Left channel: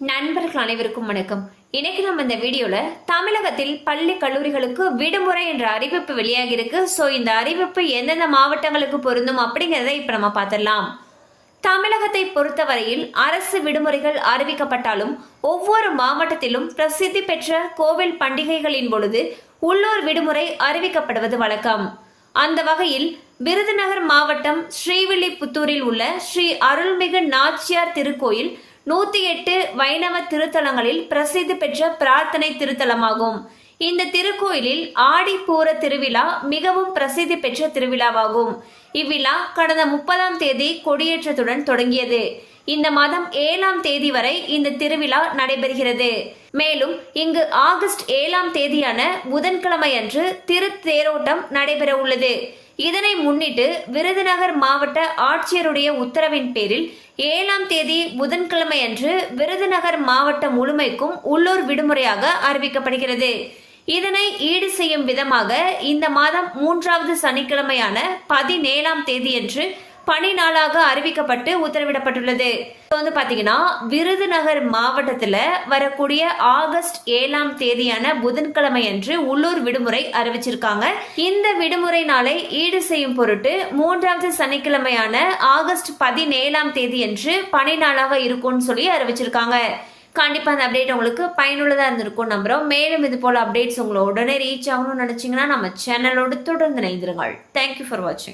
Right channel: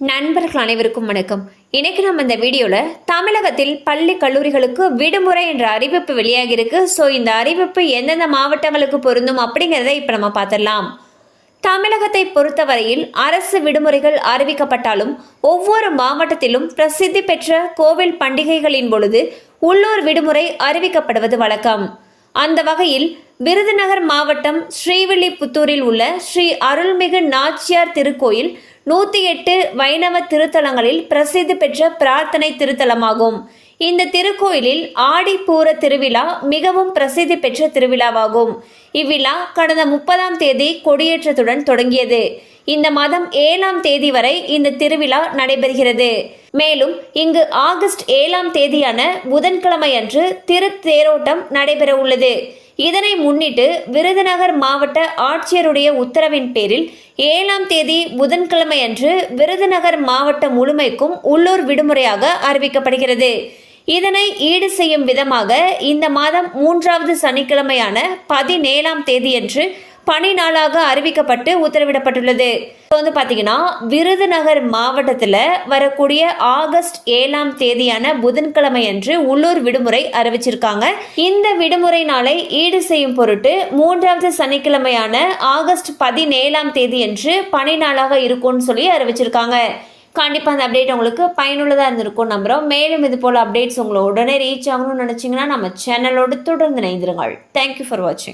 நண்பர்கள் அனைவருக்கும் வணக்கம். இன்னைக்கு நம்ம இந்த வீடியோல தமிழகத்தில் பள்ளி கல்லூரிகளுக்கு விடுமுறை என்ற அறிவிப்பு வெளியாகி இருக்கு. ஸோ இந்த அறிவிப்பு எந்தெந்த மாவட்டங்களுக்கு பொருந்தும் அப்படிங்கிறத இப்ப நம்ம பார்த்துடலாம். தமிழகத்தை பொறுத்தவரையில் அரசு விடுமுறைகள் அறிவிக்கப்பட்டாலும் ஒவ்வொரு மாவட்டத்திலும் பிரசித்தி பெற்ற கோவில் பண்டிகைகளின் பொழுது உள்ளூர் விடுமுறை அறிவிக்கப்படுவது வழக்கம். அந்த வகையில் விருதுநகர் மாவட்டம் ஸ்ரீவில்லிபுத்தூரில் உள்ள ஸ்ரீ அருள்மிகு நாச்சியார் திருக்கோயில் 108 வைணவ திருத்தலங்களில் பிரசித்தி பெற்ற பிரார்த்தனை திருத்தலமாகும். இந்த திருக்கோயிலில் ஆடிப்பூர திருவிழா மிகவும் பிரசித்தி பெற்ற திருவிழாவாகும். இவ்விழா கடந்த 30ஆம் தேதி கொடியேற்றத்துடன் தொடங்கியது. இந்த மாதம் 7ஆம் தேதி வரை இந்த திருவிழா நடைபெறுகிறது. மேலும் இங்கு ஆகஸ்ட் 7ஆம் தேதியான புதன்கிழமை அன்று திருத்தேரோட்டம் நடைபெற உள்ளது. இதனை முன்னிட்டு விருதுநகர் மாவட்ட ஆட்சியருடைய உத்தரவின் பேரில் 7ஆம் தேதி புதன்கிழமை அன்று விருதுநகர் மாவட்டம் முழுமைக்கும் உள்ளூர் விடுமுறையாக அறிவிக்கப்படுகிறது. இதனை ஈடு செய்யும் விதமாக இந்த மாதம் 3வது சனிக்கிழமையான 17ஆம் தேதியன்று பணி நாளாக அறிவிக்கப்பட்டு உத்தரவிடப்பட்டுள்ளது. பாத்தீங்கன்னா விருதுநகர் மாவட்டத்தில் வரக்கூடிய ஆகஸ்ட் 7ஆம் தேதியான புதன்கிழமை அன்று உள்ளூர் விடுமுறை அறிவிச்சிருக்காங்க. இந்த விடுமுறை நாளை ஈடு செய்யும் பொருட்டு 3வது சனிக்கிழமையான ஆகஸ்ட் 17ஆம் தேதி அன்று பணி நாளாக இருக்கும்னு சொல்லி அறிவிச்சிருக்காங்க. கண்டிப்பா அந்த அப்டேட் உங்களுக்கு பயனுள்ளதா இருந்திருக்கும் நம்புறோம். மேலும் இது போல அப்டேட்ஸ் உங்களை உடனே ரீச் ஆகணும்னு நினைச்சீங்கன்னா நம்ம சேனலோடு தொடர்ந்து இணைந்திருங்கள். தேங்க்யூ ஃபார் வாட்சிங்.